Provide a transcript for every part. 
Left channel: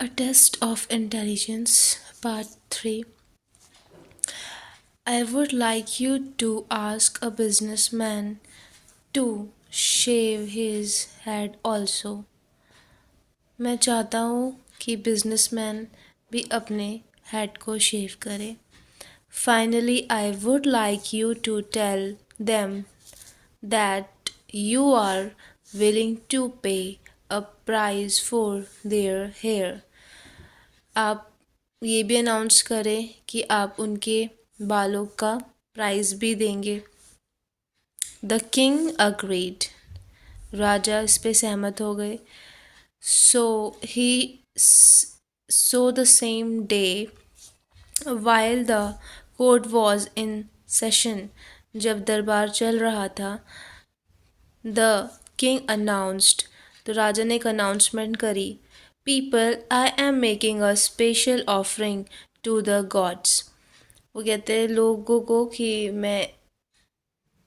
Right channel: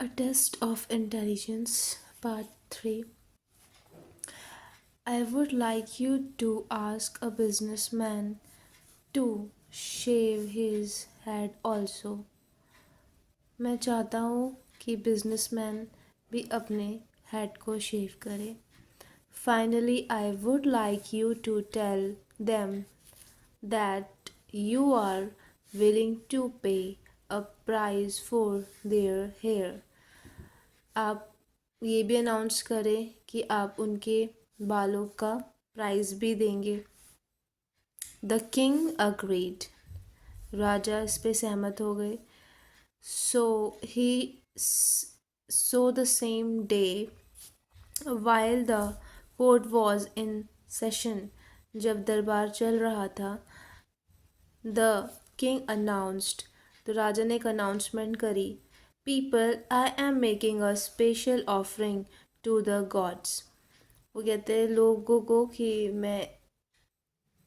A Test of Intelligence, Part 3. I would like you to ask a businessman to shave his head also. मैं चाहता हूँ कि businessman भी अपने head को शेव करे. Finally, I would like you to tell them that you are willing to pay a price for their hair. आप ये भी अनाउंस करें कि आप उनके बालों का प्राइस भी देंगे. The king agreed. राजा इस पे सहमत हो गए. So he so the same day while the court was in session. जब दरबार चल रहा था, द किंग अनाउंस्ड. तो राजा ने एक अनाउंसमेंट करी. People, I am making a special offering to the gods. वो कहते हैं लोगों को कि मैं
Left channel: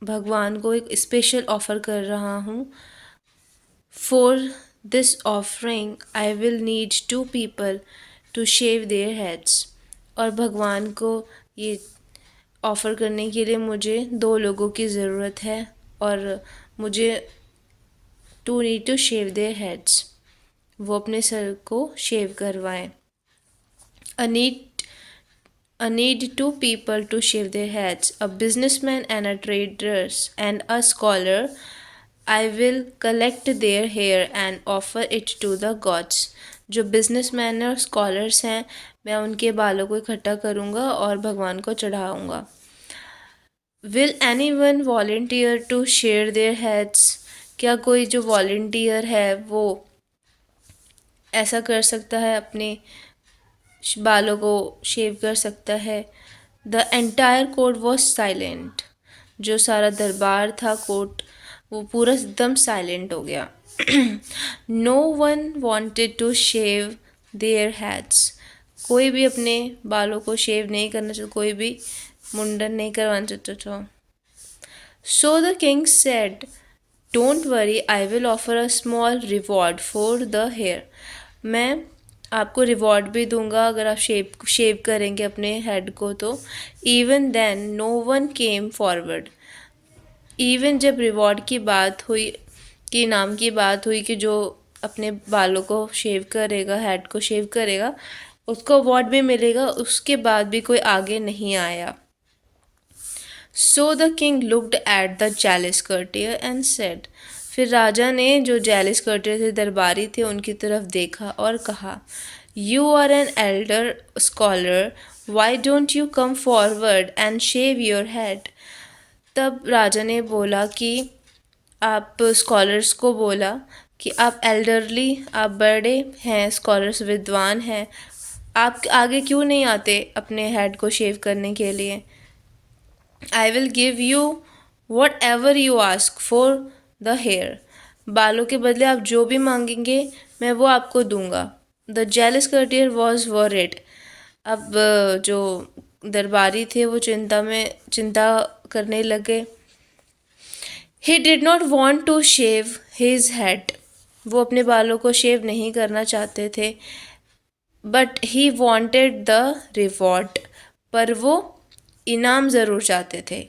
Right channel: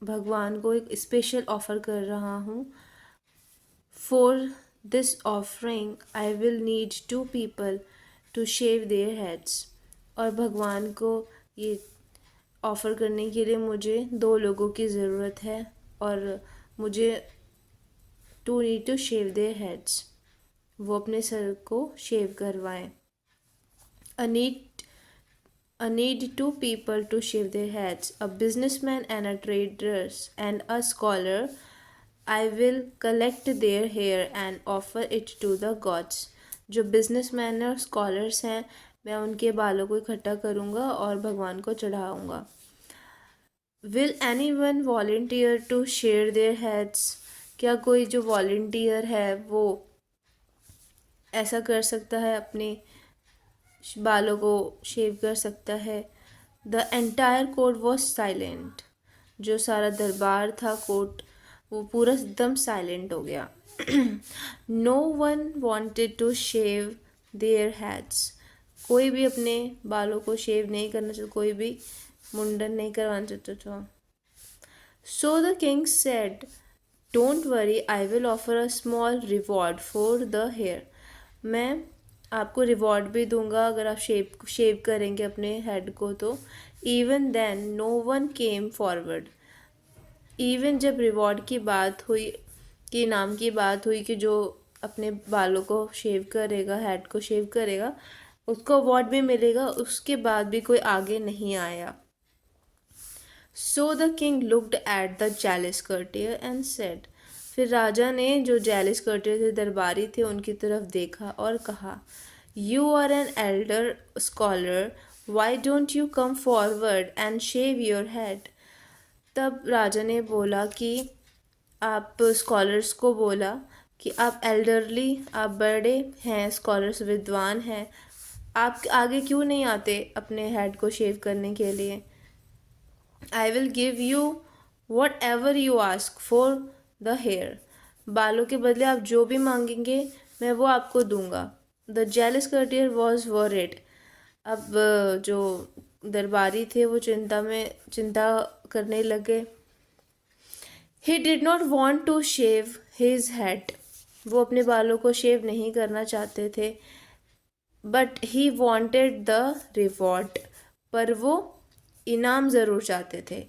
भगवान को एक स्पेशल ऑफ़र कर रहा हूँ. For this offering I will need 2 people to shave their heads. और भगवान को ये ऑफ़र करने के लिए मुझे 2 लोगों की ज़रूरत है और मुझे to need to shave their heads. वो अपने सर को शेव करवाएं. A need 2 people to shave their heads, a businessman and a traders and a scholar. I will collect their hair and offer it to the gods. जो businessman और scholars हैं, मैं उनके बालों को इकट्ठा करूँगा और भगवान को चढ़ाऊँगा. Will anyone volunteer to share their heads? क्या कोई जो वॉल्टियर है वो ऐसा कर सकता है, अपने बालों को शेव कर सकता है. The entire court was silent. जो सारा दरबार था, कोर्ट, वो पूरा एकदम साइलेंट हो गया. No one wanted to shave their heads. कोई भी अपने बालों को शेव नहीं करना चाहता, कोई भी मुंडन नहीं करवाना चाहता था. So the king said, don't worry, I will offer a small reward for the hair. मैं आपको रिवॉर्ड भी दूंगा अगर आप शेव करेंगे अपने हेड को. तो even then no one came forward. Even जब रिवॉर्ड की बात हुई, कि इनाम की बात हुई कि जो अपने बालों को शेव करेगा, हेड को शेव करेगा, उसको अवार्ड भी मिलेगा, उसके बाद भी कोई आगे नहीं आया. So the king looked at the jealous courtier and said. फिर राजा ने जो जेलस कर्टियर थे, दरबारी थे, उनकी तरफ देखा और कहा, you are an elder scholar, why don't you come forward and shave your head. तब राजा ने बोला कि आप स्कॉलर्स को बोला कि आप एल्डरली, आप बड़े हैं, स्कॉलर्स विद्वान हैं, आप आगे क्यों नहीं आते अपने हेड को शेव करने के लिए. I will give you whatever you ask for the hair. बालों के बदले आप जो भी मांगेंगे मैं वो आपको दूंगा. The jealous courtier was worried. अब जो दरबारी थे वो चिंता करने लगे. He did not want to shave his head. वो अपने बालों को शेव नहीं करना चाहते थे. But he wanted the reward. पर वो इनाम ज़रूर चाहते थे.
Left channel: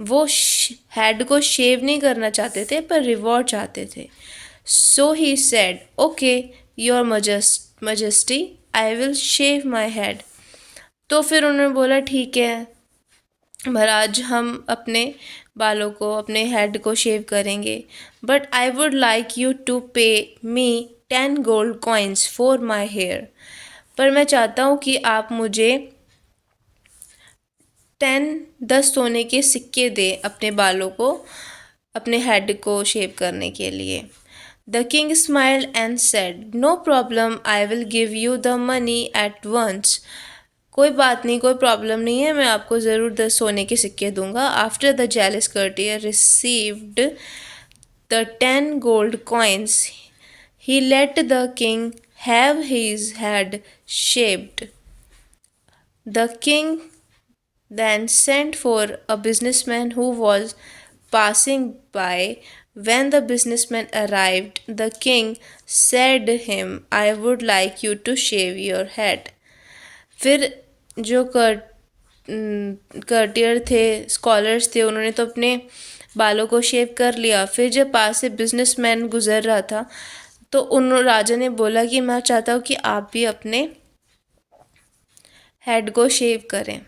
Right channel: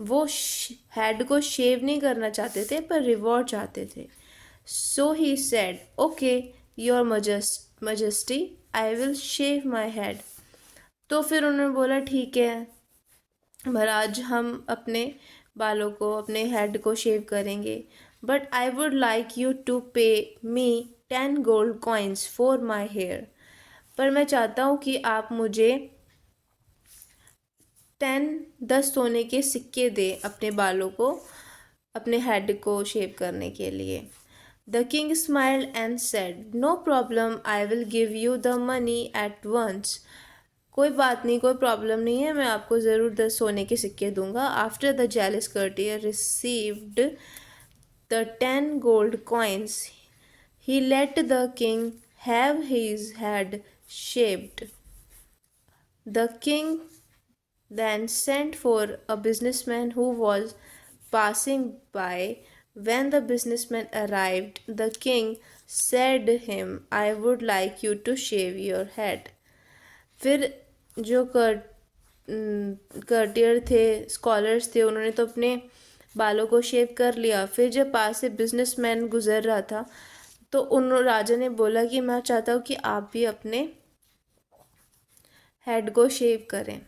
वो हेड को शेव नहीं करना चाहते थे, पर रिवॉर्ड चाहते थे. So he said, okay your majesty, I will shave my head. तो फिर उन्होंने बोला, ठीक है महाराज, हम अपने बालों को, अपने हेड को शेव करेंगे. But I would like you to pay me 10 gold coins for my hair. पर मैं चाहता हूँ कि आप मुझे 10 सोने के सिक्के दे अपने बालों को, अपने हेड को शेव करने के लिए. The king smiled and said, no problem, I will give you the money at once. कोई बात नहीं, कोई प्रॉब्लम नहीं है, मैं आपको ज़रूर 10 सोने के सिक्के दूंगा. After the jealous courtier received the 10 gold coins, he let the king have his head shaved. The king then sent for a businessman who was passing by When the businessman arrived, the king said to him, I would like you to shave your head. फिर जो कर्टियर थे, scholars थे, उन्होंने तो अपने बालों को शेव कर लिया। फिर जब पास से बिजनेसमैन गुजर रहा था तो उन राजा ने बोला कि मैं चाहता हूँ कि आप भी अपने हेड को शेव करें।